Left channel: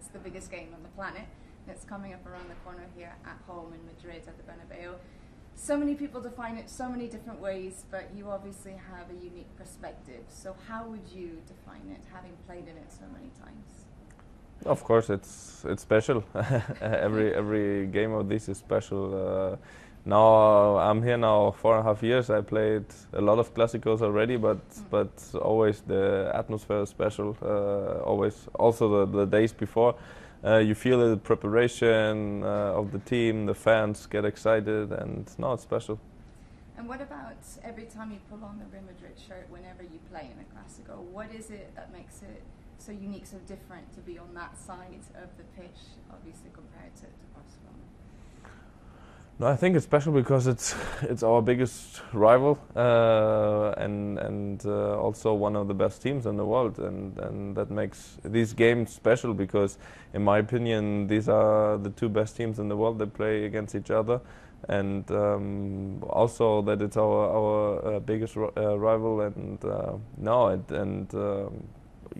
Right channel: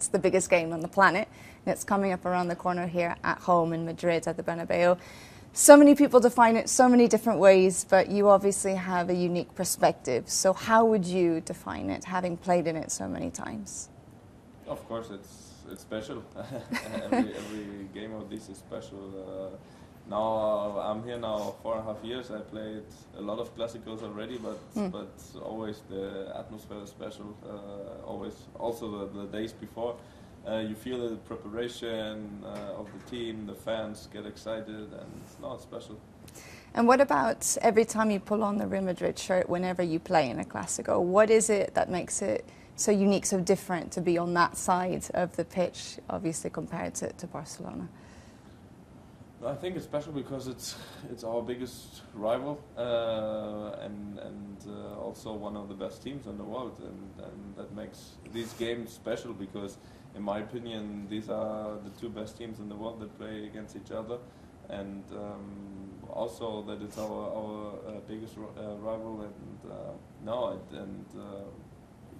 It's the biggest game on the planet, and it's coming up around the corner here at home in Madrid at the Bernabeu. So many people define it so many different ways, but you obviously have a unique perspective. So how would you define it, having played in it so many times? Of course, it's special. every game of this is special. Now I'm here now 4.5 years. I played a lot of Clásicos already, but always the atmosphere is special. Always, also the days before, you feel the preparation of the team, the fans get excited, and no, it's special. And what about every time you pull on the Real Madrid shirt whenever you play in a Clásico? What is it that makes it so unique, so different to be on that side of the pitch, obviously compared to Barcelona? No, I think it's special because it's our biggest rival and also one of the best teams in the world, and that makes these games special because, in my opinion, these are the two best teams in the world that play against each other, and also that it's our biggest rival, and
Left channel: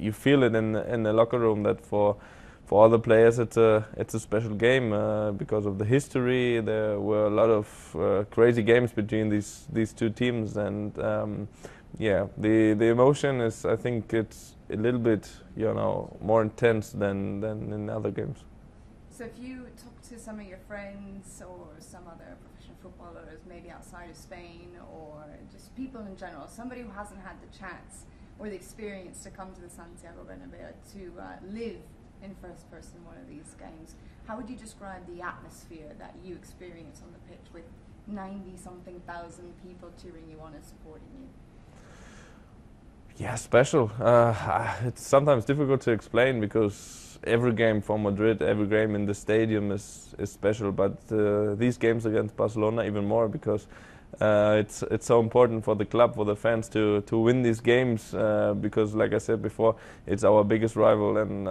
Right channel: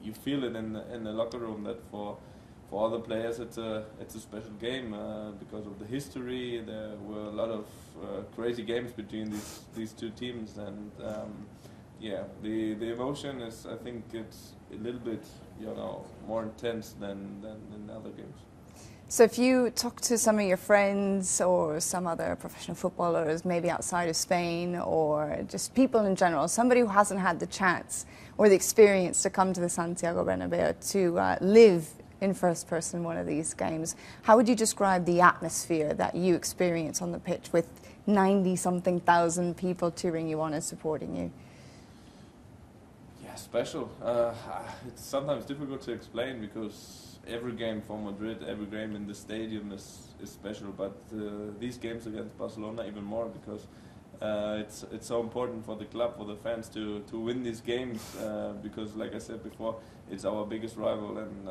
you feel it in the locker room that for all the players, it's a special game because of the history. There were a lot of crazy games between these two teams, and the emotion is, I think, it's a little bit more intense than in other games. So if you talk to some of your friends or some other professional footballers, maybe outside of Spain, or just people in general, somebody who hasn't had the chance or the experience to come to the Santiago Bernabeu to live in first person one of these games, how would you describe the atmosphere that you experience on the pitch with 90-something thousand people cheering you on and supporting you? Yeah, special. It's sometimes difficult to explain because every game for Madrid, every game in the stadium is special, but these games against Barcelona even more because it's so important for the club, for the fans to win these games because, like I said before, it's our biggest rival, and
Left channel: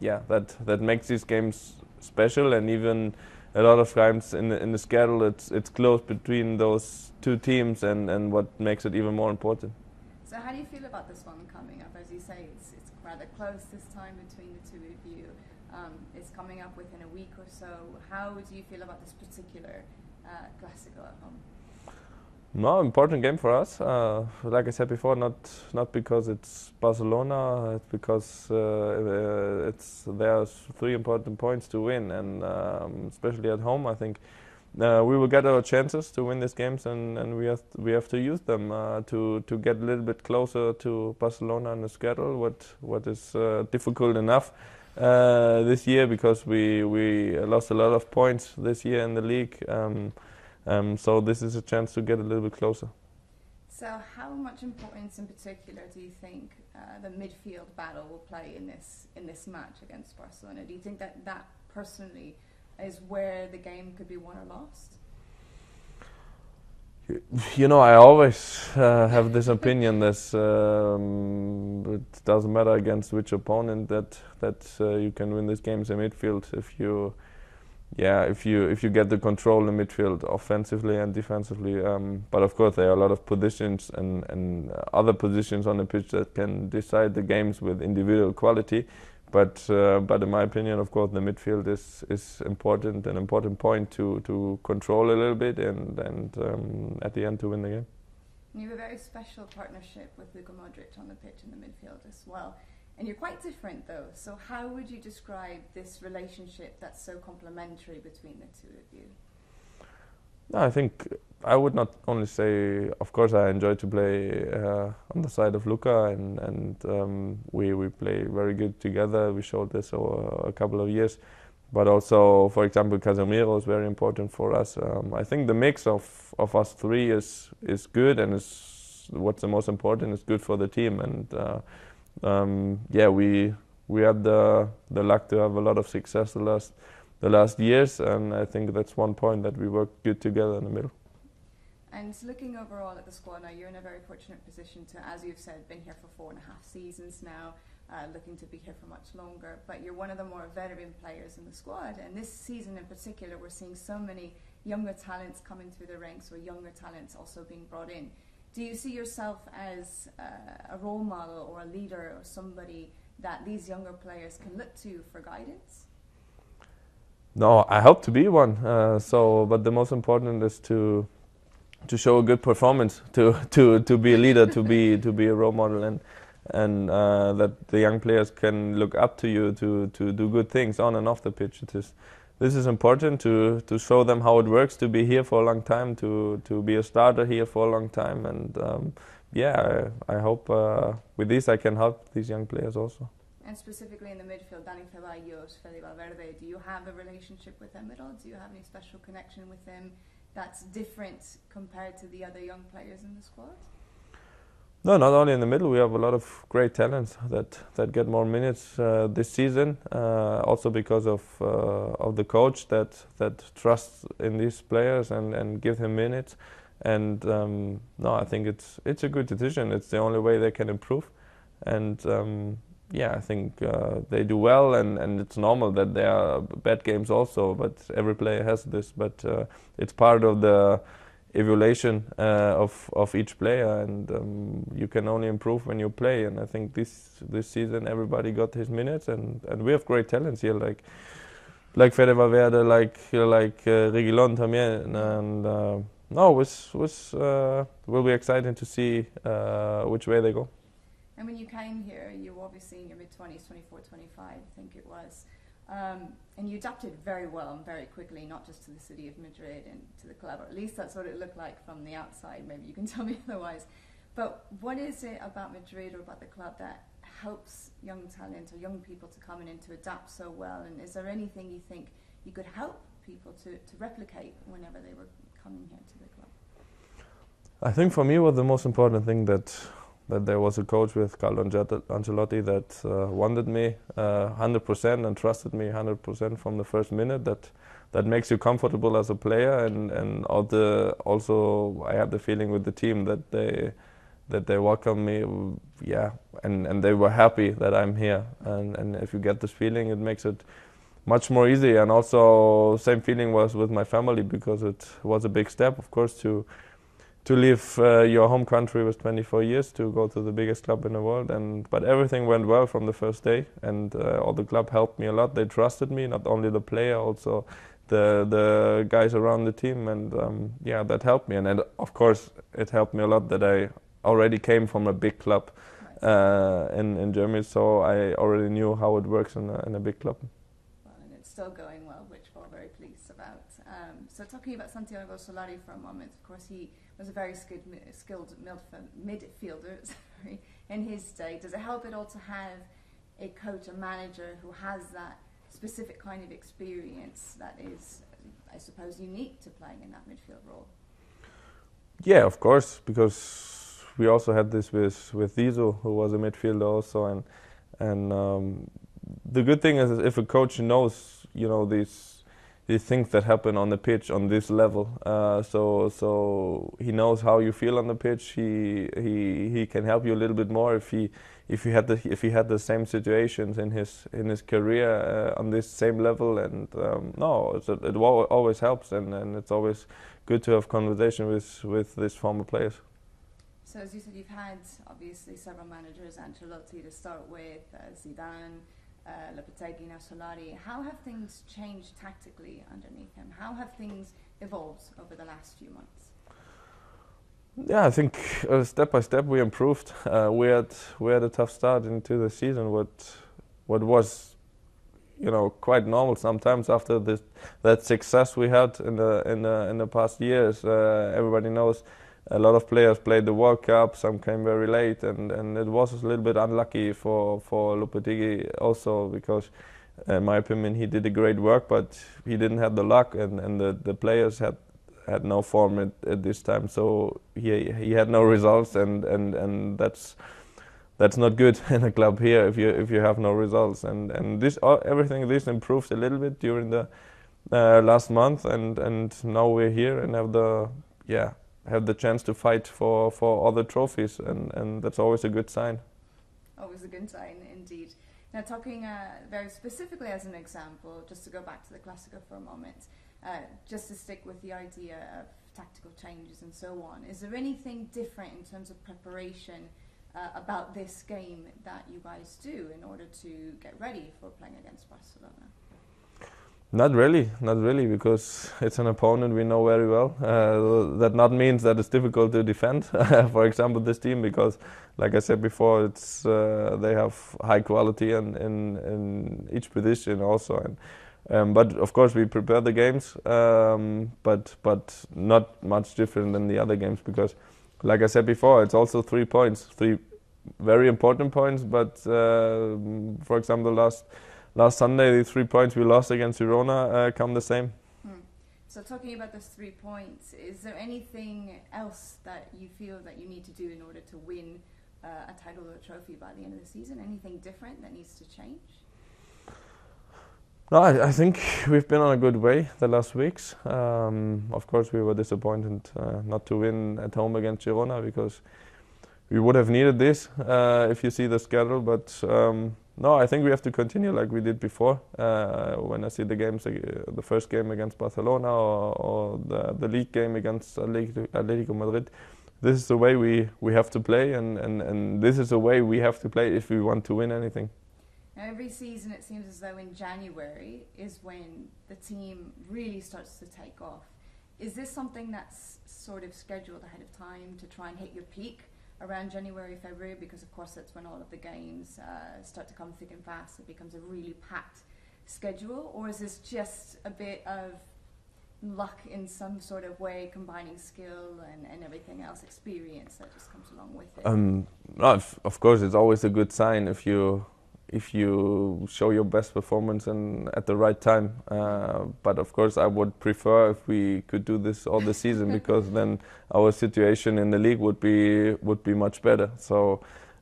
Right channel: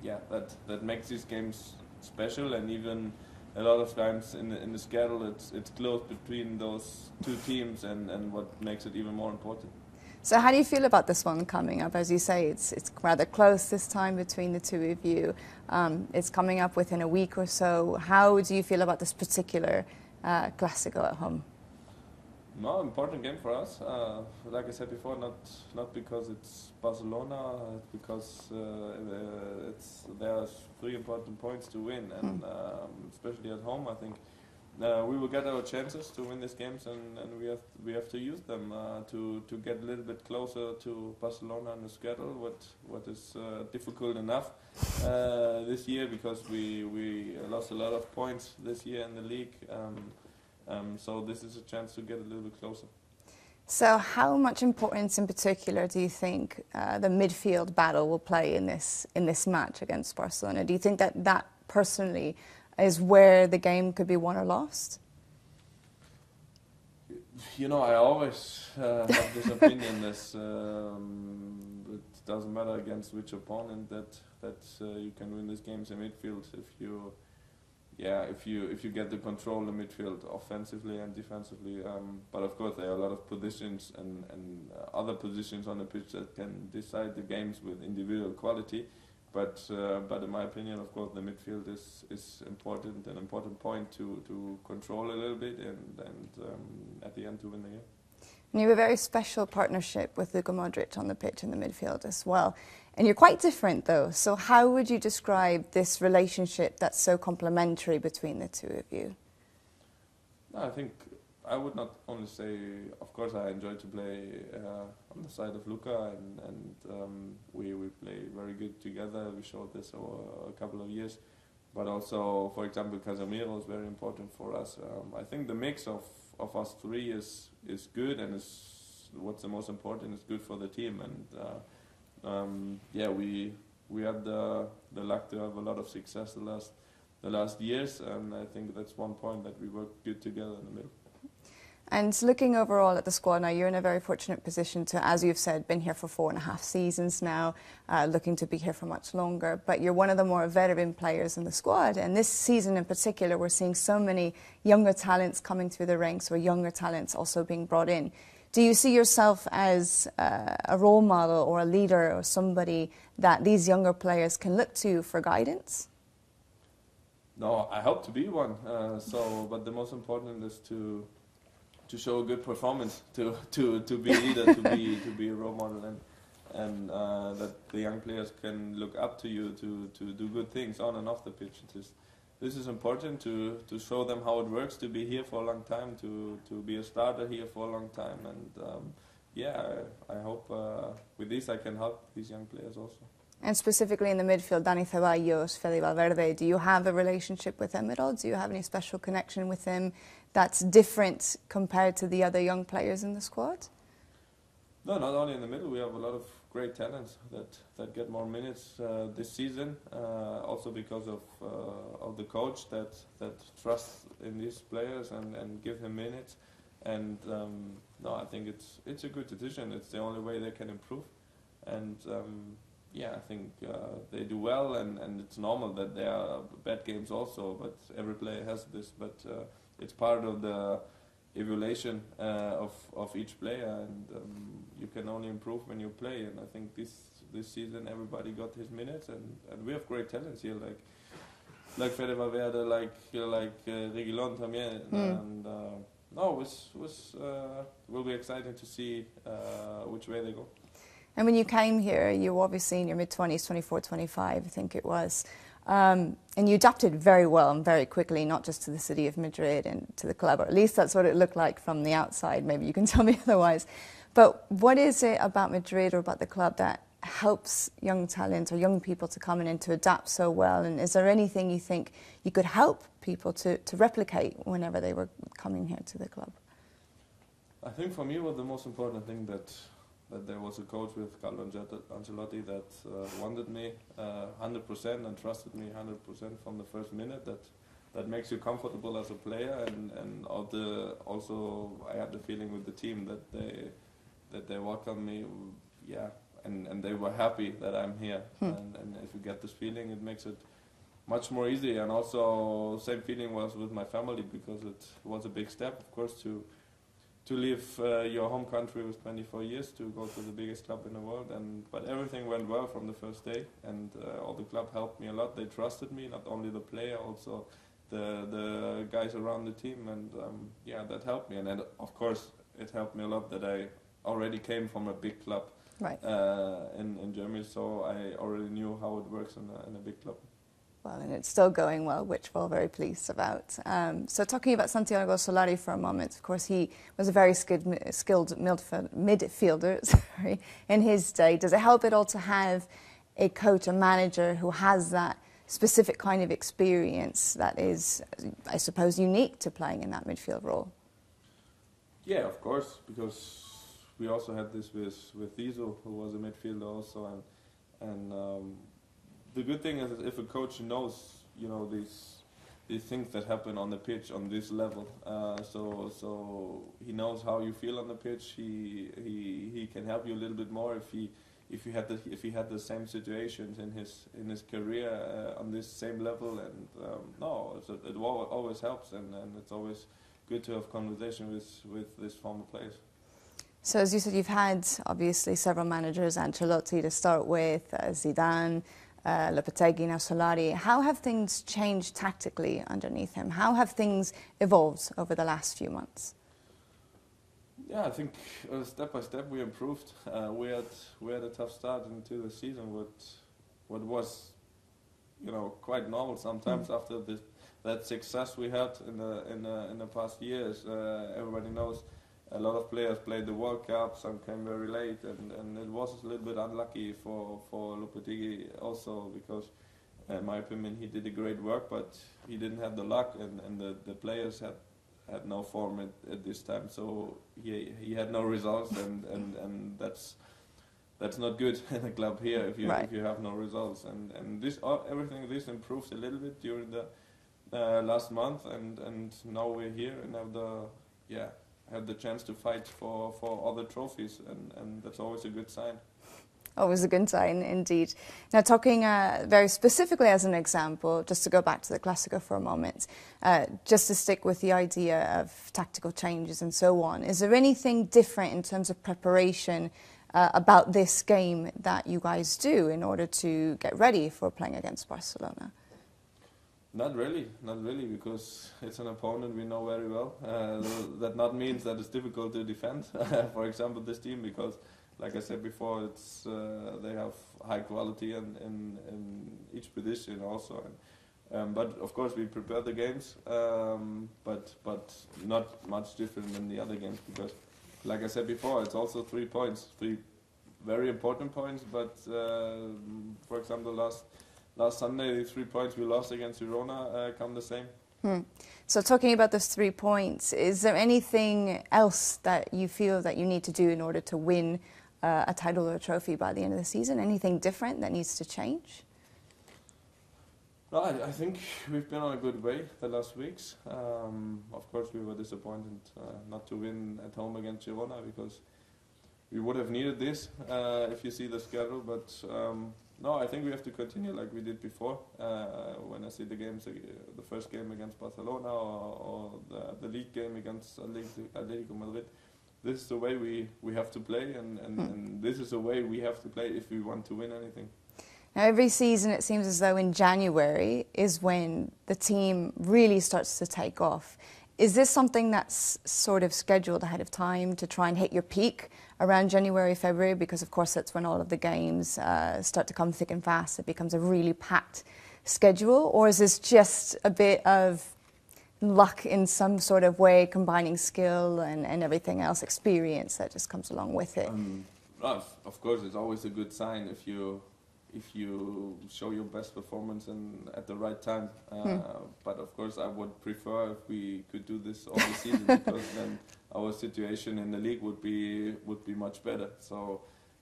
that makes these games special. And even a lot of times in the schedule, it's close between those two teams, and what makes it even more important. So how do you feel about this one coming up? As you say, it's rather close this time between the two of you. It's coming up within a week or so. How do you feel about this particular Clásico at home? No, important game for us. Like I said before, not because it's Barcelona, it's because there's 3 important points to win, and especially at home, I think we will get our chances to win these games, and we have to use them to get a little bit closer to Barcelona in the schedule. What is difficult enough this year because we lost a lot of points this year in the league. So this is a chance to get a little bit closer. So how much importance in particular do you think the midfield battle will play in this match against Barcelona? Do you think that personally is where the game could be won or lost? I always have this opinion that it doesn't matter against which opponent that you can win these games in midfield if you get the control in midfield offensively and defensively. But of course there are a lot of positions and other positions on the pitch that can decide the games with individual quality. But in my opinion, of course, the midfield is important, an important point to control a little bit and at the end to win the game. And you have a very special partnership with Luka Modric on the pitch in the midfield as well. And you're quite different, though. So how would you describe this relationship that's so complementary between the two of you? No, I think I would not only say, of course, I enjoy to play on the side of Luka, and we play very good together. We showed this over a couple of years. But also, for example, Casemiro is very important for us. I think the mix of us three is good, and is what's the most important is good for the team. And we had the luck to have a lot of success the last years, and I think that's one point that we work good together in the middle. And looking overall at the squad now, you're in a very fortunate position to, as you've said, been here for 4.5 seasons now, looking to be here for much longer. But you're one of the more veteran players in the squad. And this season in particular, we're seeing so many younger talents coming through the ranks, or younger talents also being brought in. Do you see yourself as a role model or a leader or somebody that these younger players can look to for guidance? No, I hope to be one. But the most important is to show a good performance, to be a leader, to be a role model, and that the young players can look up to you to do good things on and off the pitch. This is important to show them how it works to be here for a long time, to be a starter here for a long time, and I hope with this I can help these young players also. And specifically in the midfield, Dani Ceballos, Fede Valverde, do you have a relationship with him at all? Do you have any special connection with him that's different compared to the other young players in the squad? No, not only in the middle. We have a lot of great talents that get more minutes this season. Also because of the coach that trusts in these players and give him minutes. And I think it's a good decision. It's the only way they can improve. And I think they do well. And it's normal that there are bad games also. But every player has this. But it's part of the evaluation of each player, and you can only improve when you play. And I think this season everybody got his minutes, and we have great talents here, like Fede Valverde, like Reguilón también, and will be exciting to see which way they go. And when you came here, you were obviously in your mid-20s, 24, 25, I think it was. And you adapted very well and very quickly, not just to the city of Madrid and to the club, or at least that's what it looked like from the outside. Maybe you can tell me otherwise. But what is it about Madrid or about the club that helps young talent or young people to come in and to adapt so well? And is there anything you think you could help people to replicate whenever they were coming here to the club? I think for me, what the most important thing that there was a coach with Carlo Ancelotti that wanted me 100% and trusted me 100% from the first minute. That makes you comfortable as a player, and also I have the feeling with the team that they welcome me, and they were happy that I'm here. And if you get this feeling, it makes it much more easy. And also same feeling was with my family, because it was a big step, of course, to leave your home country with 24 years to go to the biggest club in the world. But everything went well from the first day, and all the club helped me a lot. They trusted me, not only the player, also the guys around the team, and that helped me. And of course, it helped me a lot that I already came from a big club in Germany, so I already knew how it works in a big club. Well, and it's still going well, which we're very pleased about. So talking about Santiago Solari for a moment, of course, he was a very skilled midfielder in his day. Does it help at all to have a coach, a manager who has that specific kind of experience that is, I suppose, unique to playing in that midfield role? Yeah, of course, because we also had this with Zizou, who was a midfielder also, and the good thing is if a coach knows, these things that happen on the pitch on this level, so he knows how you feel on the pitch. He can help you a little bit more if he had the same situations in his career on this same level. And it always helps, and it's always good to have conversation with these former players. So as you said, you've had obviously several managers, Ancelotti to start with, Zidane, Lopetegui, now Solari. How have things changed tactically underneath him? How have things evolved over the last few months? Yeah, I think step by step we improved. We had a tough start into the season. What was, quite normal sometimes after that success we had in the past years. Everybody knows a lot of players played the World Cup. Some came very late, and it was a little bit unlucky for Lopetegui also, because in my opinion he did a great work, but he didn't have the luck, and the players had no form at this time, so he had no results, and that's not good in a club here if you have no results. And everything improved a little bit during the last month, and now we're here and have the chance to fight for other trophies, and that's always a good sign. Always a good sign, indeed. Now, talking very specifically as an example, just to go back to the Clasico for a moment, just to stick with the idea of tactical changes and so on, is there anything different in terms of preparation about this game that you guys do in order to get ready for playing against Barcelona? Not really, because it's an opponent we know very well. That not means that it's difficult to defend. For example, this team, because, like I said before, it's they have high quality in each position also. But of course, we prepare the games, but not much different than the other games, because, like I said before, it's also 3 points, 3 very important points. But for example, last Sunday, the 3 points we lost against Girona come the same. So talking about those 3 points, is there anything else that you feel that you need to do in order to win a title or a trophy by the end of the season? Anything different that needs to change? No, I think we've been on a good way the last weeks. Of course, we were disappointed not to win at home against Girona, because we would have needed this if you see the schedule. But no, I think we have to continue like we did before. When I see the games, the first game against Barcelona or the league game against Atletico Madrid, this is the way we have to play, and this is the way we have to play if we want to win anything. Now, every season it seems as though in January is when the team really starts to take off. Is this something that's sort of scheduled ahead of time to try and hit your peak around January, February? Because of course that's when all of the games start to come thick and fast. It becomes a really packed schedule. Or is this just a bit of luck in some sort of way, combining skill and everything else, experience that just comes along with it? Of course, it's always a good sign if you show your best performance and at the right time. But of course, I would prefer if we could do this all the season, because then our situation in the league would be much better. So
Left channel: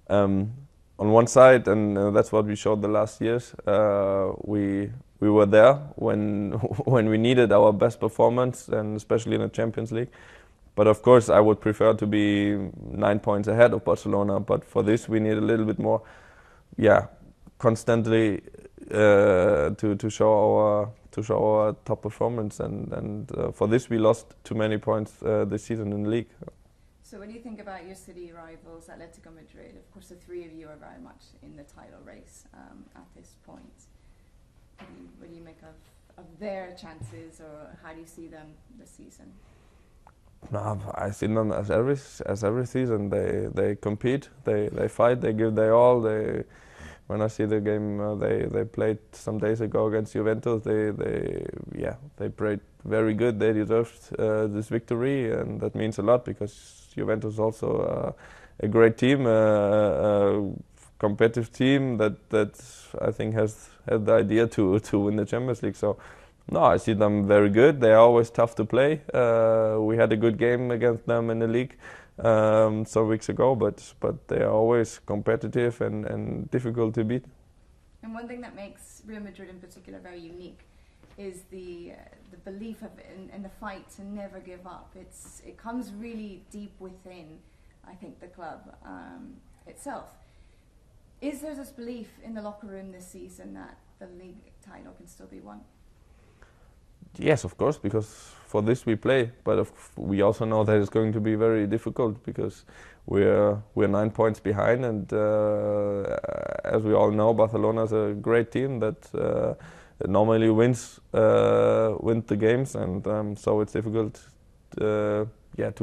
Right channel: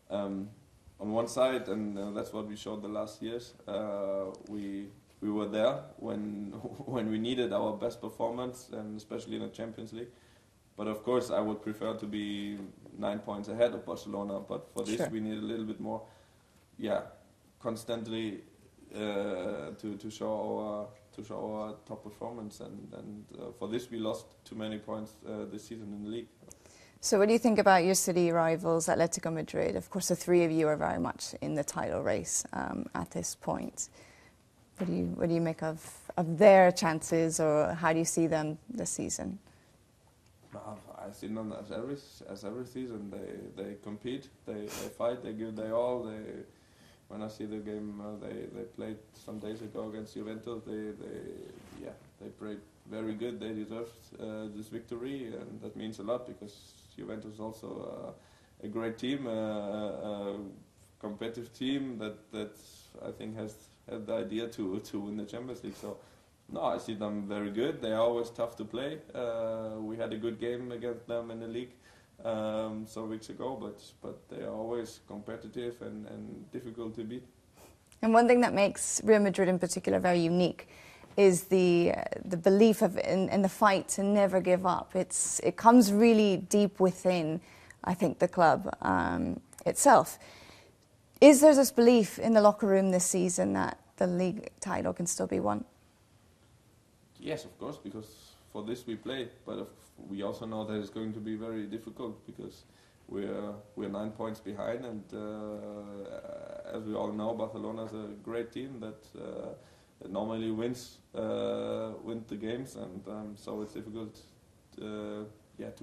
on one side, and that's what we showed the last years, we were there when we needed our best performance, and especially in the Champions League. But of course, I would prefer to be 9 points ahead of Barcelona. But for this, sure, we need a little bit more, constantly to show our top performance, and for this we lost too many points this season in the league. So what do you think about your city rivals, Atletico Madrid? Of course, the 3 of you are very much in the title race at this point. What do you make of their chances, or how do you see them this season? No, I see them as every season. They compete, they fight, they give their all. When I see the game they played some days ago against Juventus, they played very good. They deserved this victory, and that means a lot, because Juventus is also a great team, a competitive team that I think has had the idea to win the Champions League. So no, I see them very good. They are always tough to play. We had a good game against them in the league some weeks ago, but they are always competitive and difficult to beat. And one thing that makes Real Madrid in particular very unique is the belief in the fight to never give up. It comes really deep within, I think, the club itself. Is there this belief in the locker room this season that the league title can still be won? Yes, of course, because for this we play, but we also know that it's going to be very difficult, because we're 9 points behind, and as we all know, Barcelona is a great team that normally wins the games, and so it's difficult to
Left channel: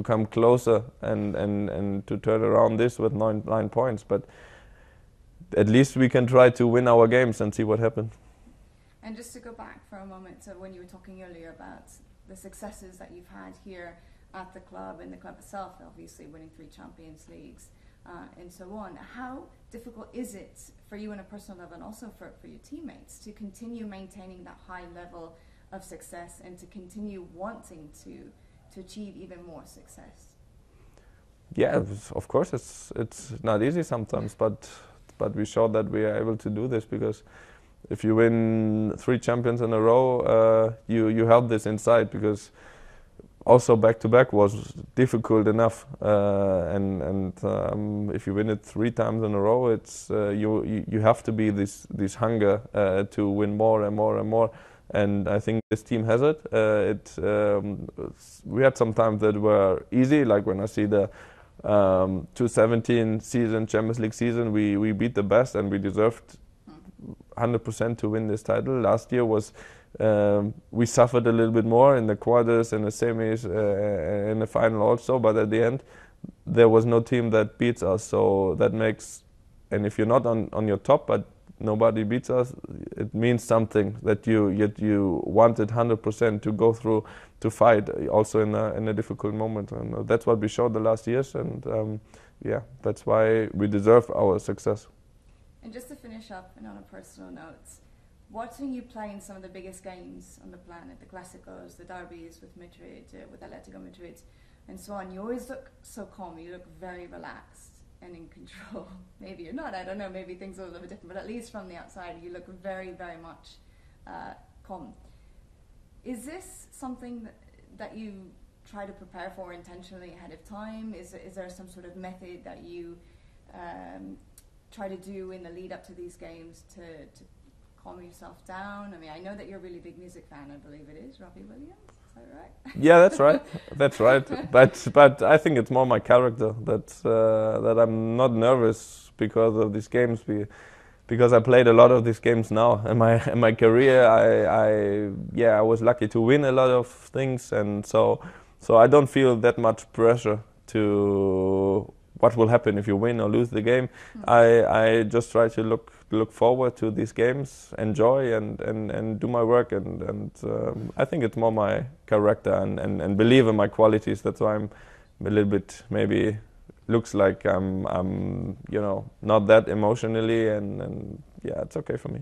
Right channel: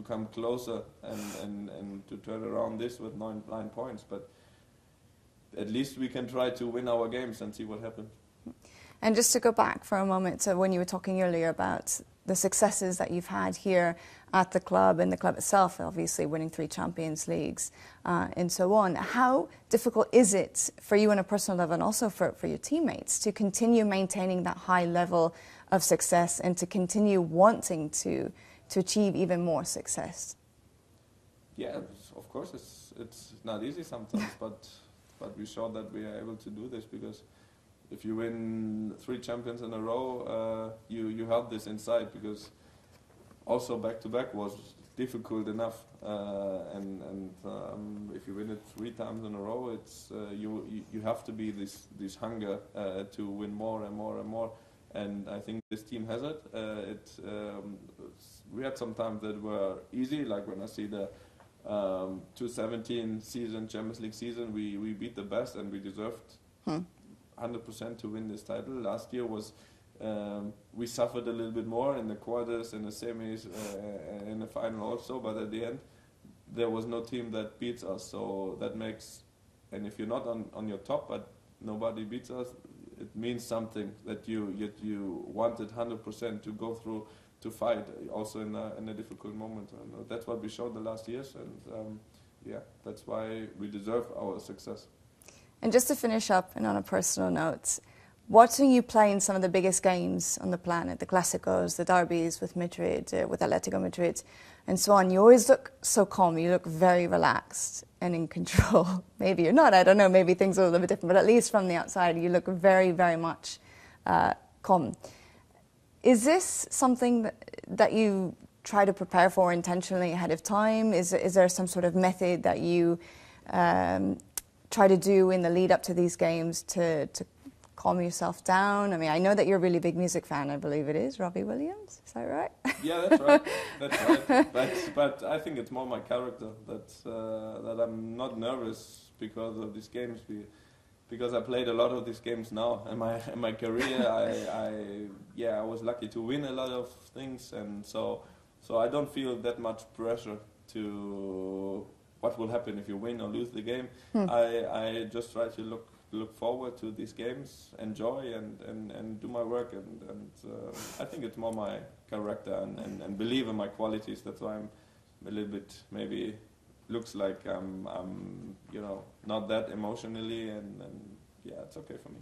come closer and to turn around this with 9 points. But at least we can try to win our games and see what happens. And just to go back for a moment to when you were talking earlier about the successes that you've had here at the club and the club itself, obviously winning 3 Champions Leagues and so on. How difficult is it for you on a personal level, and also for your teammates, to continue maintaining that high level of success and to continue wanting to achieve even more success? Yeah, of course it's not easy sometimes, but we showed that we are able to do this, because if you win 3 champions in a row, you have this inside, because also back to back was difficult enough, and if you win it 3 times in a row, it's you have to be this hunger to win more and more and more. And I think this team has it. We had some times that were easy, like when I see the 2017 season, Champions League season, we beat the best and we deserved 100% to win this title. Last year was we suffered a little bit more in the quarters and the semis, in the final also, but at the end there was no team that beats us. So that makes, and if you're not on your top, but nobody beats us, it means something that you wanted 100% to go through to fight also in a difficult moment, and that's what we showed the last years, and yeah, that's why we deserve our success. And just to finish up, and on a personal note, watching you play in some of the biggest games on the planet, the Clásicos, the derbies with Madrid, with Atletico Madrid, and so on, you always look so calm. You look very relaxed and in control. Maybe you're not, I don't know, maybe things are a little bit different, but at least from the outside, you look very, very much calm. Is this something that you try to prepare for intentionally ahead of time? Is there some sort of method that you try to do in the lead up to these games to calm yourself down? I mean, I know that you're a really big music fan. I believe it is Robbie Williams. Is that right? Yeah, that's right. That's right. But I think it's more my character that I'm not nervous because of these games. Because I played a lot of these games now in my career. I was lucky to win a lot of things, and so I don't feel that much pressure to what will happen if you win or lose the game. I just try to look forward to these games, enjoy and do my work, and I think it's more my character and believe in my qualities. That's why I'm a little bit maybe looks like I'm not that emotionally, and yeah, it's okay for me.